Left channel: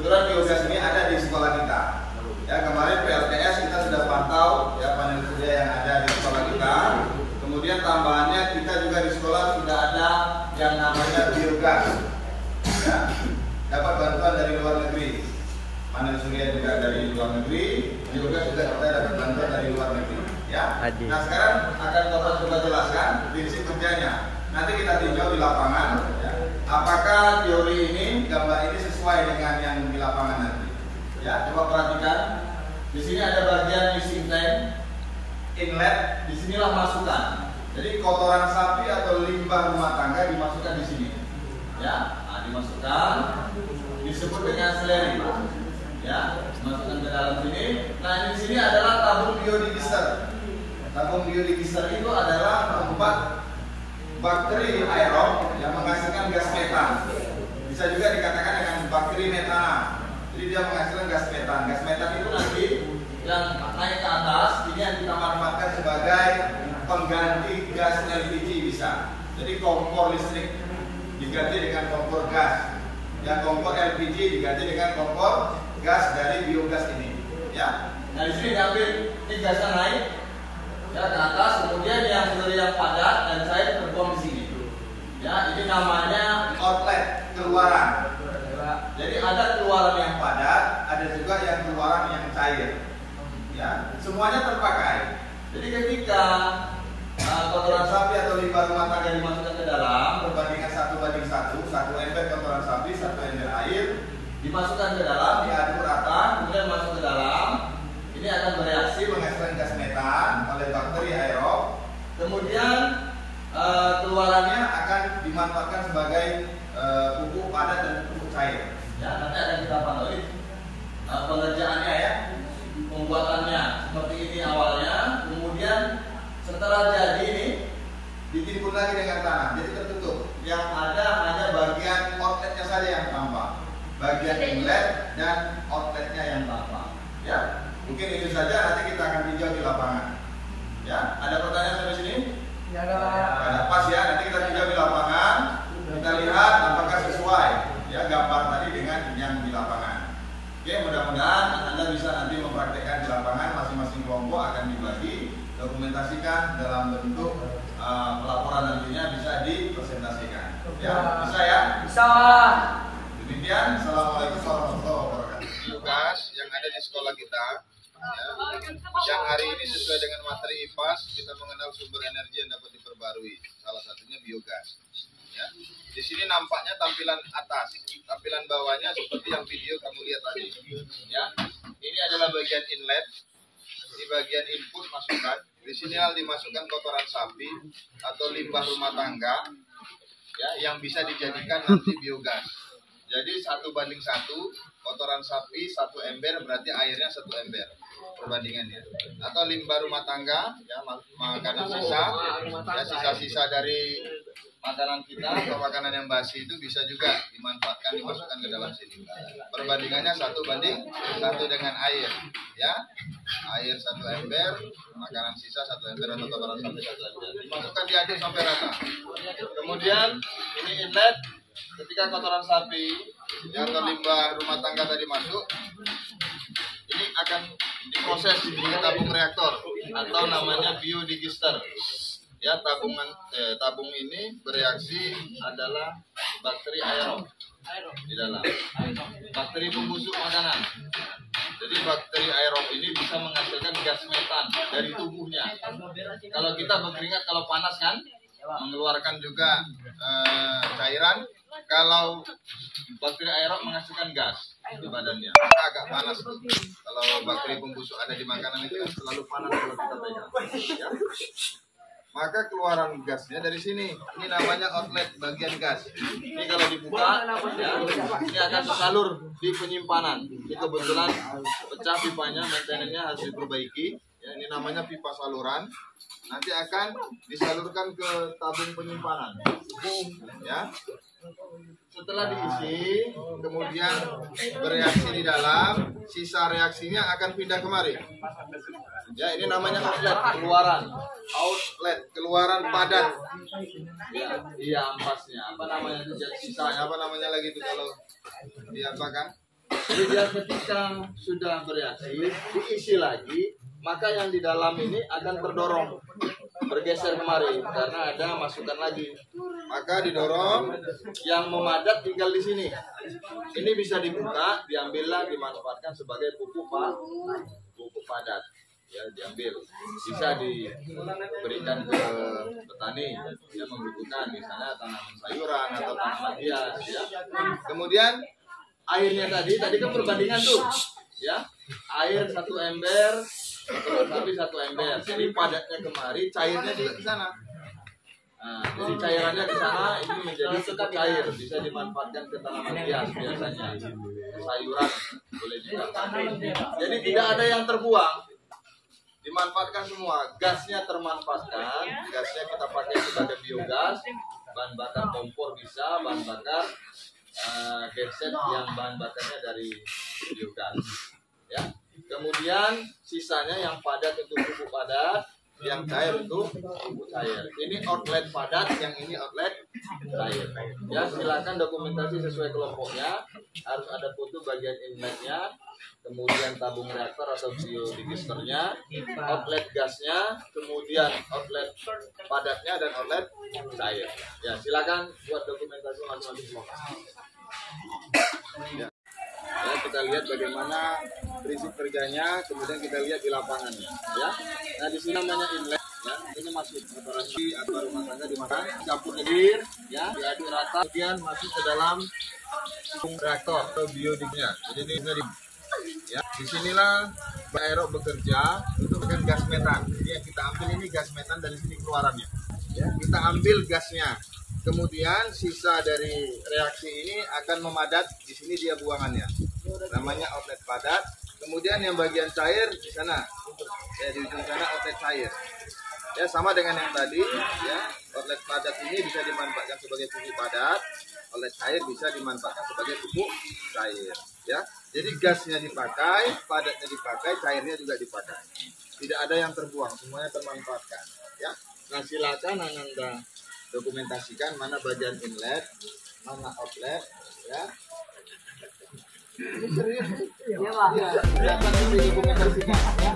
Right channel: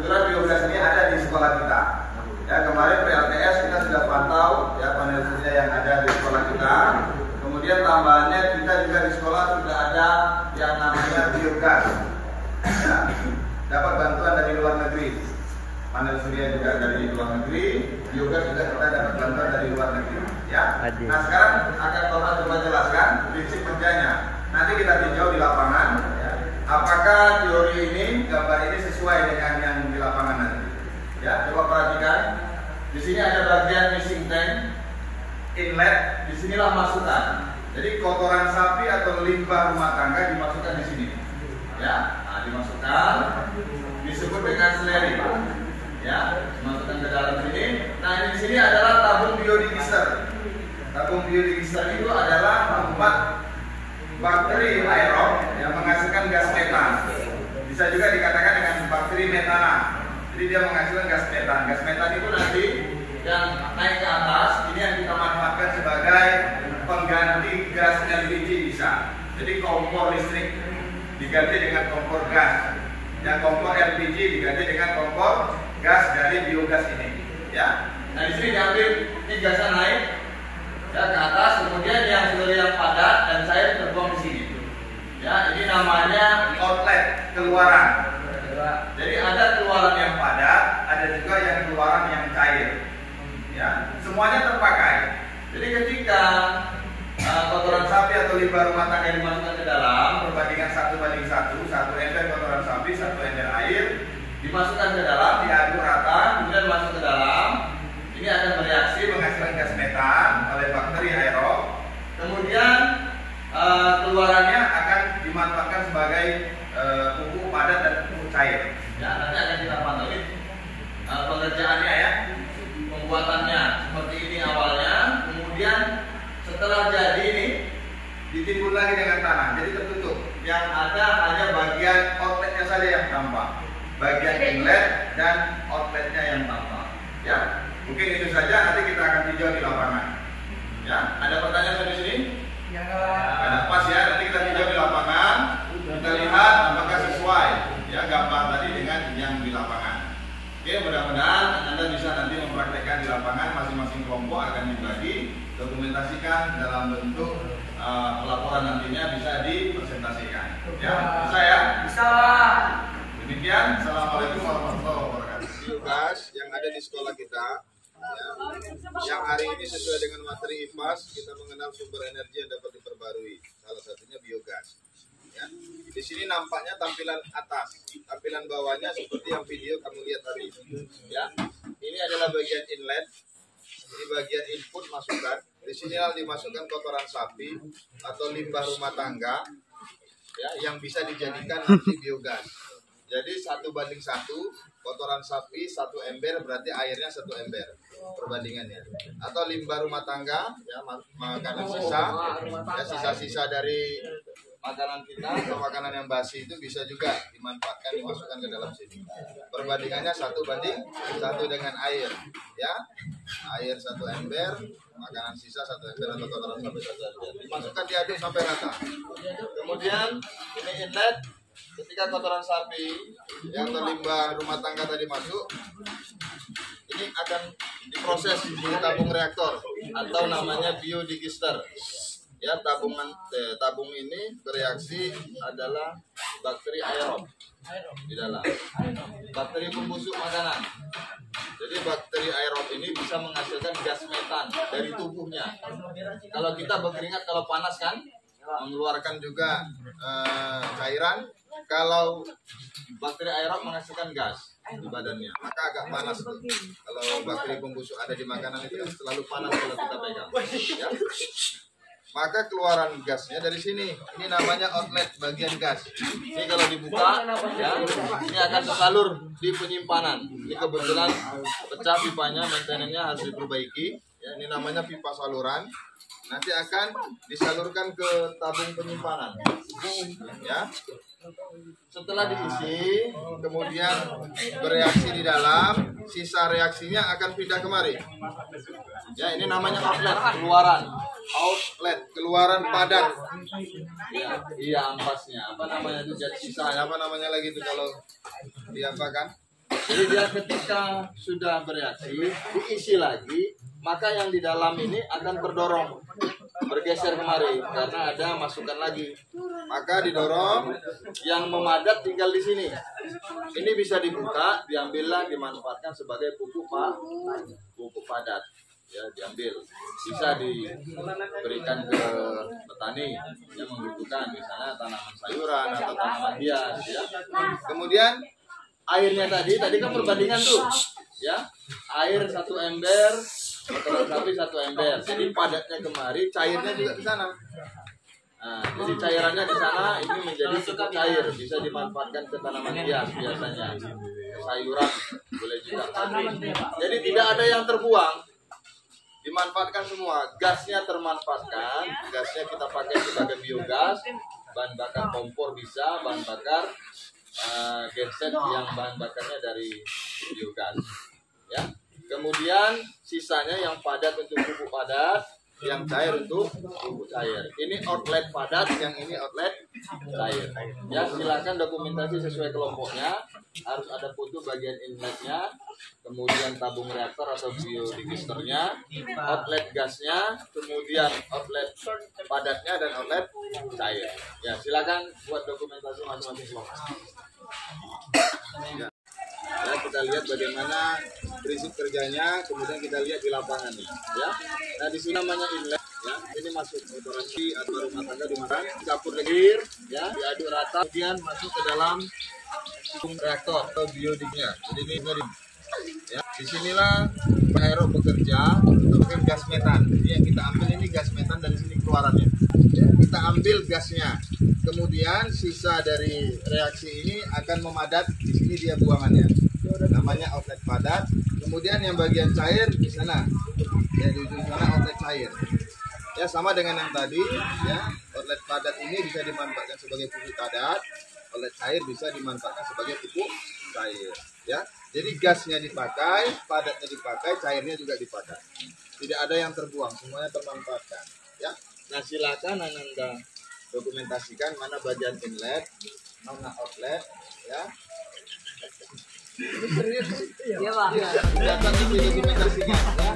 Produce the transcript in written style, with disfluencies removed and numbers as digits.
kebetulan biogas ini ada di sekolah kita. Ya, kemarin PLTS kita sudah pantau ya panel surya yang ada di sekolah kita. Kemudian tambahannya kita juga di sekolah sudah ada yang namanya biogas. Ya, dapat bantuan dari luar negeri. Panel surya juga dari luar negeri, biogas juga kita dapat bantuan dari luar negeri. Ya. Nah, sekarang akan Bapak coba jelaskan prinsip kerjanya. Nanti kita tinjau di lapangan. Ya. Apakah teori ini, gambar ini sesuai dengan yang di lapangan nanti? Ya, coba perhatikan. Di sini ada bagian missing tank, inlet. Disinilah masukan. Jadi kotoran sapi atau limbah rumah tangga dimasukkan di sini. Ya, nah, dimasukkan. Disebut dengan slurry. Ya, masukkan ke dalam sini. Nah, di sini adalah tabung biodigestor. Tabung biodigestor itu adalah tempat bakteri aerob yang menghasilkan gas metan. Bisa juga dikatakan dengan bakteri metana. Jadi dia menghasilkan gas metan. Gas metan itu nanti yang naik ke atas, ini yang kita manfaatkan sebagai pengganti gas LPG bisa. Jadi kompor listrik diganti dengan kompor gas. Yang kompor LPG diganti dengan kompor gas dari biogas ini. Ya. Nah, di sini diambil ini gasnya naik ya ke atas, kemudian yang seluruh yang padat dan cair terbuang di sini. Ya, ini namanya outlet, keluaran. Jadi ada keluaran yang padat, ada juga yang keluaran yang cair. Ya, semuanya terpakai. Jadi ketika kotoran sapi atau limbah rumah tangga dimasukkan ke dalam, perbandingan 1:1, 1 ember kotoran sapi, 1 ember air, dimasukkan ke dalam, diaduk rata, kemudian masuk ke dalam. Ini akan bereaksi menghasilkan gas metan oleh bakteri aerob. Kemudian keluarannya akan dimanfaatkan sebagai pupuk padat dan pupuk cair. Ya, nanti akan kita pantau pengerjaannya ya, pembuatannya seperti ini awalnya. Kemudian setelah jadi ini ditimbun lagi dengan tanah, jadi tertutup. Yang ada hanya bagian outletnya saja yang tampak, bagian inlet dan outletnya yang tampak. Ya, mungkin itu saja. Nanti kita akan tinjau di lapangan. Ya, ada pertanyaan sampai sini? Ya. Ada pas ya. Nanti kita tinjau di lapangan. Kita lihat apakah sesuai ya gambar tadi dengan yang di lapangan. Oke, mudah-mudahan Anda bisa nanti mempraktekkan di lapangan. Masing-masing kelompok akan dibagi, dokumentasikan dalam bentuk pelaporan nantinya bisa dipresentasikan. Ya, bisa ya? Bisa. Demikian, assalamualaikum warahmatullahi wabarakatuh. Biogas yang ada di sekolah kita, ya, yang hari ini sesuai dengan materi IPAS, kita mengenal sumber energi yang dapat diperbarui. Salah satunya biogas. Ya. Di sini nampaknya tampilan atas, tampilan bawahnya seperti yang video kamu lihat tadi. Ya, ini adalah bagian inlet, ini bagian input masukan. Di sini dimasukkan kotoran sapi atau limbah rumah tangga, ya, yang bisa dijadikan nanti biogas. Jadi 1:1, kotoran sapi 1 ember berarti airnya 1 ember perbandingannya. Atau limbah rumah tangga, ya, makanan sisa, ya, sisa-sisa dari makanan kita atau makanan yang basi itu bisa juga dimanfaatkan, dimasukkan ke dalam sini. Perbandingannya 1:1 dengan air, ya, air 1 ember, makanan sisa 1 ember atau kotoran sapi 1 ember. Dimasukkan, diaduk sampai rata. Kemudian ini inlet. Ketika kotoran sapi ya, atau limbah rumah tangga tadi masuk, ini akan diproses di tabung reaktor atau namanya biodigester. Ya, tabung ini bereaksi adalah bakteri aerob di dalam, bakteri pembusuk makanan. Jadi bakteri aerob ini bisa menghasilkan gas metan dari tubuhnya. Kalau kita berkeringat, kalau panas kan mengeluarkan juga cairan. Kalau bakteri aerob menghasilkan gas di badannya, maka agak panas tuh. Kalau bakteri pembusuk ada di makanan itu selalu panas kalau kita pegang. Ya. Maka keluaran gasnya dari sini. Ini namanya outlet, bagian gas. Ini kalau dibuka, ya, ini akan tersalur di penyimpanan. Ini kebetulan pecah pipanya, maintenance-nya harus diperbaiki. Ya, ini namanya pipa saluran. Nanti akan disalurkan ke tabung penyimpanan. Ya. Setelah diisi, kemudian bereaksi di dalam, sisa reaksinya akan pindah kemari. Ya, ini namanya outlet, keluaran. Outlet, keluaran padat. Ya, iya ampasnya. Apa namanya itu? Sisanya apa namanya lagi itu kalau diapakan? Jadi dia ketika sudah bereaksi, diisi lagi, maka yang di dalam ini akan terdorong, bergeser kemari karena ada masukan lagi. Maka didorong, yang memadat tinggal di sini. Ini bisa dibuka, diambillah, dimanfaatkan sebagai pupuk padat. Ya, diambil, bisa diberikan ke petani yang membutuhkan, misalnya tanaman sayuran atau tanaman hias, ya. Kemudian airnya tadi kan perbandingan tuh, ya, air 1 ember, kotoran sapi 1 ember, jadi padatnya kemari, cairnya juga di sana. Nah, jadi cairannya di sana ini menjadi cukup cair, bisa dimanfaatkan ke tanaman hias biasanya, sayuran boleh juga. Jadi tidak ada yang terbuang. Dimanfaatkan semua, gasnya termanfaatkan, gasnya kita pakai sebagai biogas, bahan bakar kompor bisa, bahan bakar genset yang bahan bakarnya dari biogas, ya. Kemudian sisanya yang padat untuk pupuk padat, yang cair untuk pupuk cair. Ini outlet padat, yang ini outlet cair. Ya, silakan dokumentasi sesuai kelompoknya. Harus ada foto bagian inletnya, kemudian tabung reaktor atau biodigesternya, outlet gasnya, kemudian outlet padatnya dan outlet cair. Ya, silakan buat dokumentasi masing-masing kelompok. Ya. Ya, kita lihat bagaimana prinsip kerjanya, kemudian kita lihat di lapangannya, ya. Nah, di sini namanya inlet, ya. Ini masuk kotoran sapi atau rumah tangga dimakan, campur air, ya, diaduk rata, kemudian masuk ke dalam reaktor atau biodignya. Jadi ini ya, disinilah aerob bekerja untuk bikin gas metan. Jadi yang kita ambil ini gas metan dari sini keluarannya. Ya, kita ambil gasnya. Kemudian sisa dari reaksi ini akan memadat, di sini dia buangannya. Namanya outlet padat. Kemudian yang bagian cair di sana. Ya, di ujung sana outlet cair. Ya, sama dengan yang tadi, ya. Outlet padat ini bisa dimanfaatkan sebagai pupuk padat. Outlet cair bisa dimanfaatkan sebagai pupuk cair, ya. Jadi gasnya dipakai, padatnya dipakai, cairnya juga dipakai. Tidak ada yang terbuang, semuanya termanfaatkan, ya. Nah, silakan Ananda dokumentasikan mana bagian inlet, mana outlet, ya. Ini serius, ya, Pak. Ya, silakan dokumentasikan, ya.